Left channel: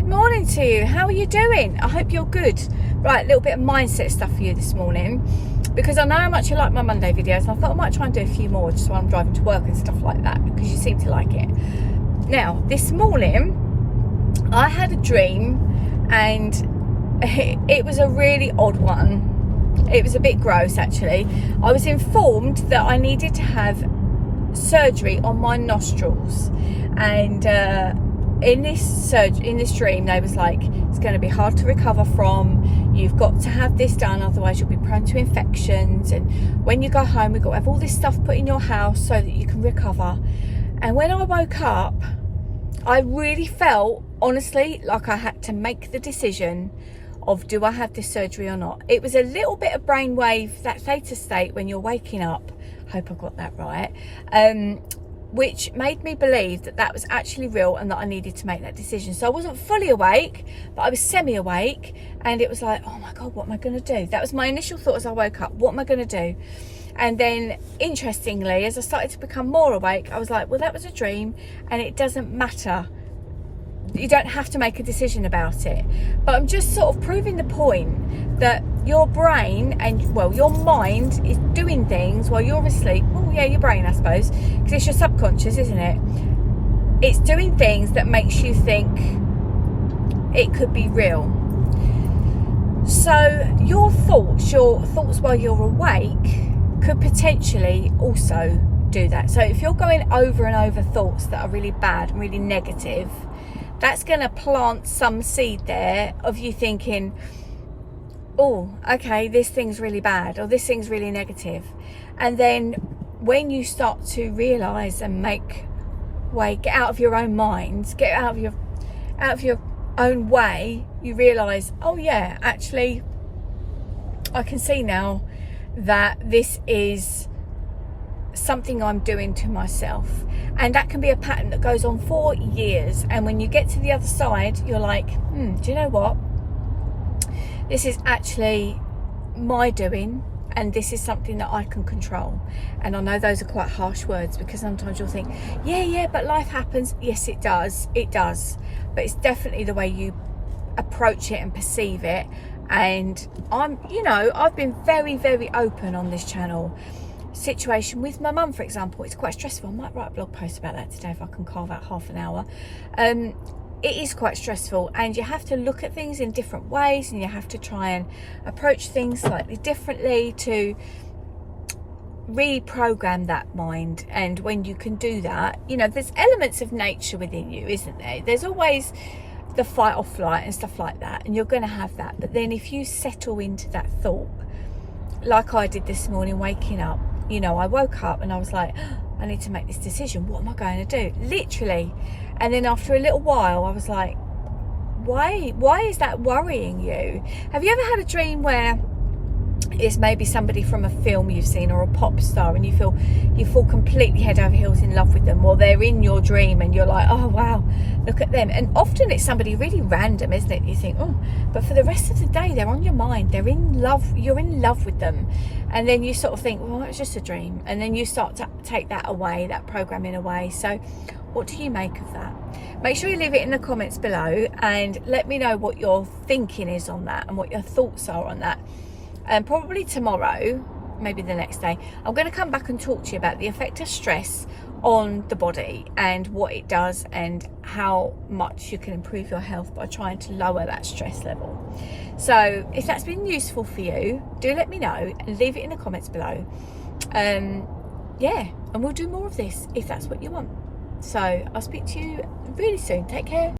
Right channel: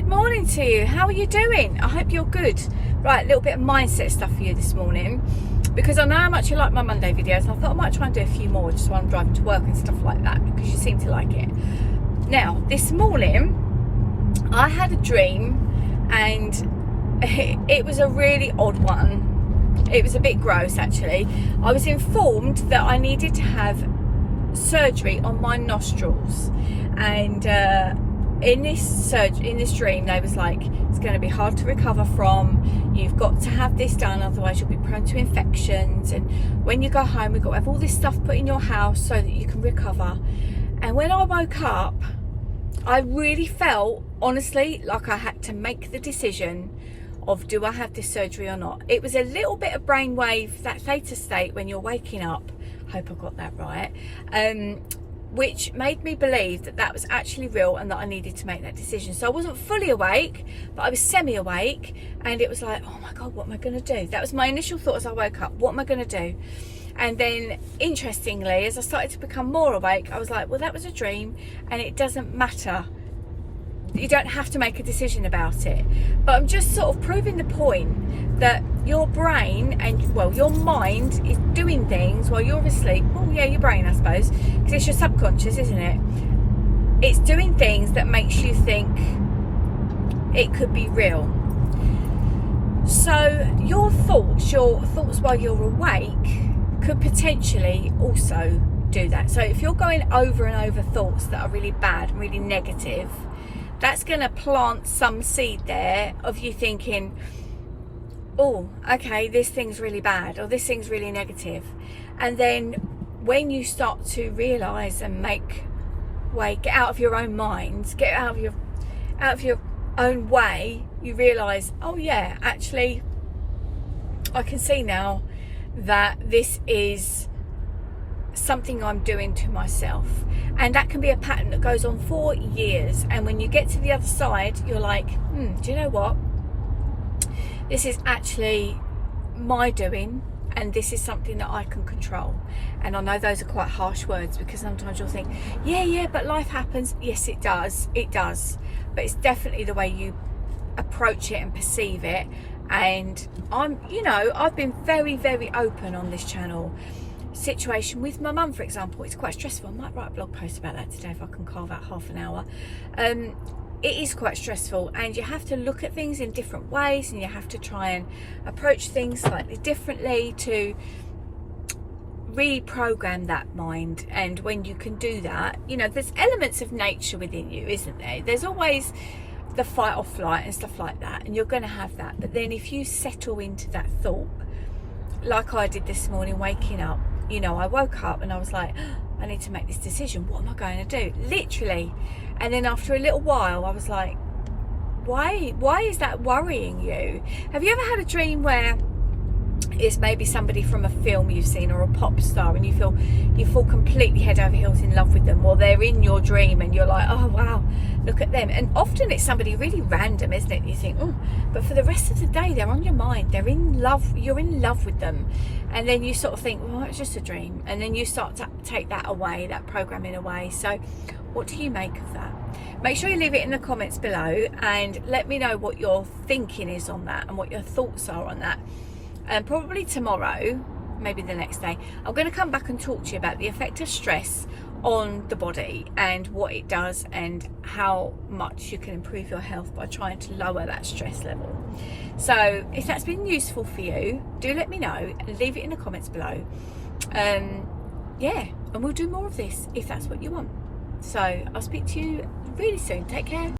good morning to you. How are you doing? I hope you're good. Right, a little bit of mindset stuff for you this morning, because I know how much you like my Monday videos, and I thought I might try and do a few more just while I'm driving to work and stuff like that, because you seem to like it. Now, this morning I had a dream, and it was a really odd one. It was a bit gross, actually. I was informed that I needed to have surgery on my nostrils, and in this dream they was like, it's going to be hard to recover from, you've got to have this done, otherwise you'll be prone to infections, and when you go home we've got to have all this stuff put in your house so that you can recover. And when I woke up, I really felt, honestly, like I had to make the decision of, do I have this surgery or not? It was a little bit of brainwave, that theta state when you're waking up, hope I got that right, which made me believe that that was actually real and that I needed to make that decision. So I wasn't fully awake, but I was semi-awake, and it was like, oh my God, what am I going to do? That was my initial thought as I woke up. What am I going to do? And then, interestingly, as I started to become more awake, I was like, well, that was a dream, and it doesn't matter. You don't have to make a decision about it. But I'm just sort of proving the point that your brain and, well, your mind is doing things while you're asleep. Oh yeah, your brain, I suppose, because it's your subconscious, isn't it? It's doing things that makes you think it could be real. So your thoughts while you're awake could potentially also do that. So if you're going over and over thoughts that are really bad, really negative, that's going to plant some seed there of you thinking, oh, okay, this thing's really bad, or this thing's really negative. And then when you start to realise and make way, get out of your own mind, get out of your own way, you realise, oh yeah, actually, I can see now that this is something I'm doing to myself. And that can be a pattern that goes on for years, and when you get to the other side, you're like, do you know what, this is actually my doing, and this is something that I can control. And I know those are quite harsh words, because sometimes you'll think, yeah, but life happens. Yes, it does, but it's definitely the way you approach it and perceive it. And I've been very, very open on this channel. Situation with my mum, for example, it's quite stressful. I might write a blog post about that today if I can carve out half an hour. It is quite stressful, and you have to look at things in different ways, and you have to try and approach things slightly differently to reprogram that mind. And when you can do that, there's elements of nature within you, isn't there? There's always the fight or flight and stuff like that, and you're going to have that. But then if you settle into that thought, like I did this morning waking up, I woke up and I was like, oh, I need to make this decision. What am I going to do? Literally. And then after a little while, I was like, why is that worrying you? Have you ever had a dream where it's maybe somebody from a film you've seen, or a pop star, and you fall completely head over heels in love with them, or they're in your dream and you're like, oh wow, look at them? And often it's somebody really random, isn't it? You think, oh, but for the rest of the day they're on your mind, they're in love, you're in love with them. And then you sort of think, well, it's just a dream. And then you start to take that away, that programming away. So what do you make of that? Make sure you leave it in the comments below, and let me know what your thinking is on that and what your thoughts are on that. And probably tomorrow, maybe the next day, I'm going to come back and talk to you about the effect of stress on the body and what it does, and how much you can improve your health by trying to lower that stress level. So if that's been useful for you, do let me know and leave it in the comments below. Yeah, and we'll do more of this if that's what you want. So I'll speak to you really soon. Take care.